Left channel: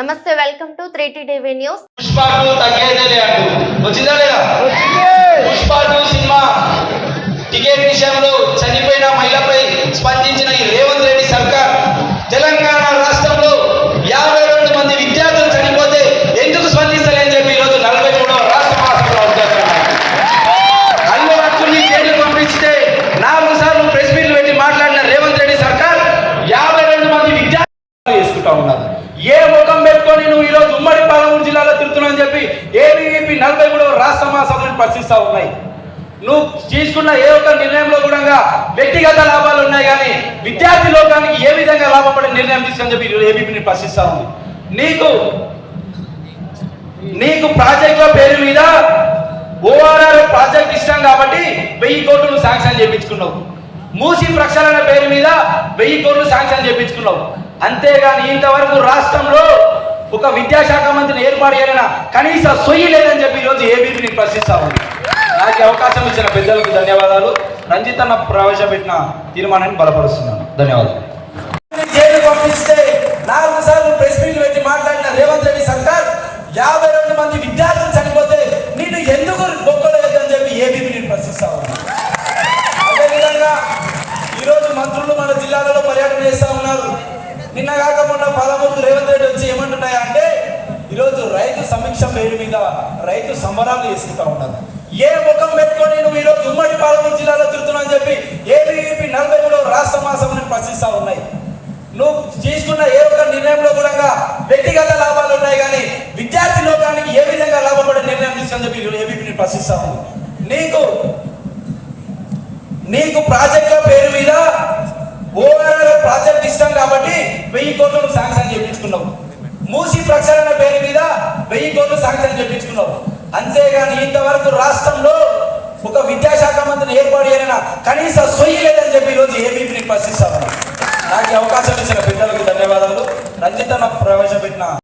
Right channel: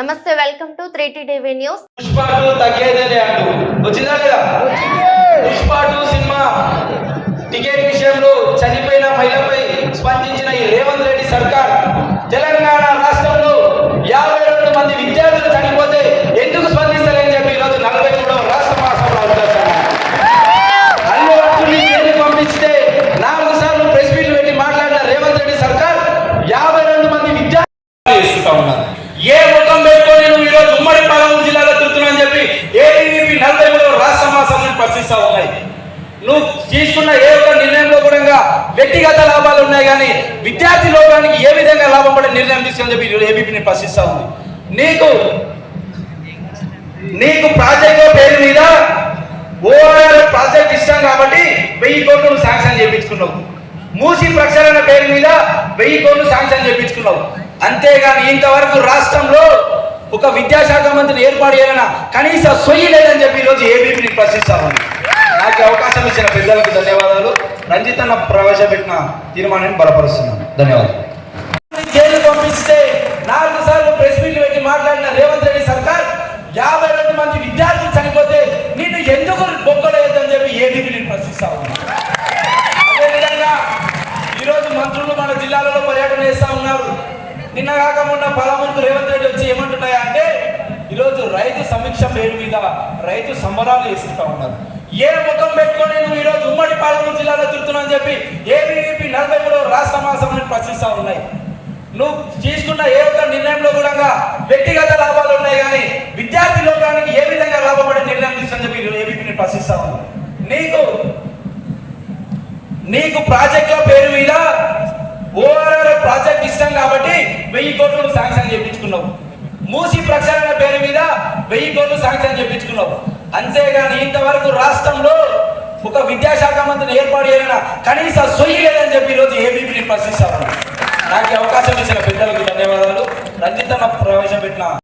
నమస్తే welcome to three TV news Pushpa two తగ్గేదేలే అంటూ వచ్చిందా లేదా చెప్పి ఏబీవీపీ నలభై మూడవ రాష్ట్ర మహాసభను పరిశీలిస్తూ ఉన్నాయి. నువ్వు తీసుకున్న ఏ ఒక్క నిర్ణయంలో కూడా వ్యక్తిగత లాభాలు ఉన్నాయి కానీ విద్యార్థి లోకానికి ఏ విధంగా లాభపడే నిర్ణయం తీసుకుని చెప్పి ఏబీపీని ప్రశ్నిస్తా ఉంది. నీకు నీకు ప్రాజెక్ట్ పేరు మీద ఓఆర్ఆర్ ప్రాజెక్ట్ ఇష్టం కాబట్టి వెయ్యి కోట్లు నువ్వు శాంక్షన్ చేయించుకున్నావు. మూసి ప్రక్షాళన పేరు మీద వెయ్యి కోట్లు శాంక్షన్ చేయించుకున్నావు. అంతేగాని ఇంతవరకు రాష్ట్రంలో ఒక విద్యాశాఖ మంత్రిని ఏర్పాటు చేయాలన్న కనీస సొయ్యి లేదని చెప్పి ఈరోజు ఏబీపీని ప్రశ్నిస్తా ఉంది. నాకు అవకాశం ఇచ్చిన పెద్దలకు ధన్యవాదాలు. రంజిత్ అన్న ప్రవేశపెట్టిన తీర్మానాన్ని బలపరుస్తున్నాను ధన్యవాదాలు. రేవంత్ రెడ్డి వచ్చి ఏమంటున్నాయా అంటే ఈరోజు రైతు సమీక్ష పేరు మీద రైతు సంబరాలు చేసుకుంటా ఉన్నారు. ఏ ముఖం పెట్టుకుని నువ్వు ఈరోజు ఉమ్మడి పాలమూరు జిల్లాలో తిరుగుతున్నా అని చెప్పి ఏబీవీపీ నలభై మూడో రాష్ట్ర మహాసభను ప్రశ్నిస్తా ఉన్నాయి. నువ్వు తీసుకున్న ఏ ఒక్క నిర్ణయంలో కూడా వ్యక్తిగత లాభాలు ఉన్నాయి కానీ విద్యార్థి లోకానికి ఏ విధంగా లాభపడే నిర్ణయం తీసుకుని చెప్పి ఏబీపీని ప్రశ్నిస్తా నీకు నీకు ప్రాజెక్టుల చేత చెప్పించుకున్నారు అంతేగాని ఇంతవరకు రాష్ట్రంలో ఒక విద్యాశాఖ మంత్రి ఏర్పాటు చేయాలన్నా కనీస సొయ్యలేదని చెప్పి ఈరోజు ఏబీపీని ప్రశ్నిస్తారు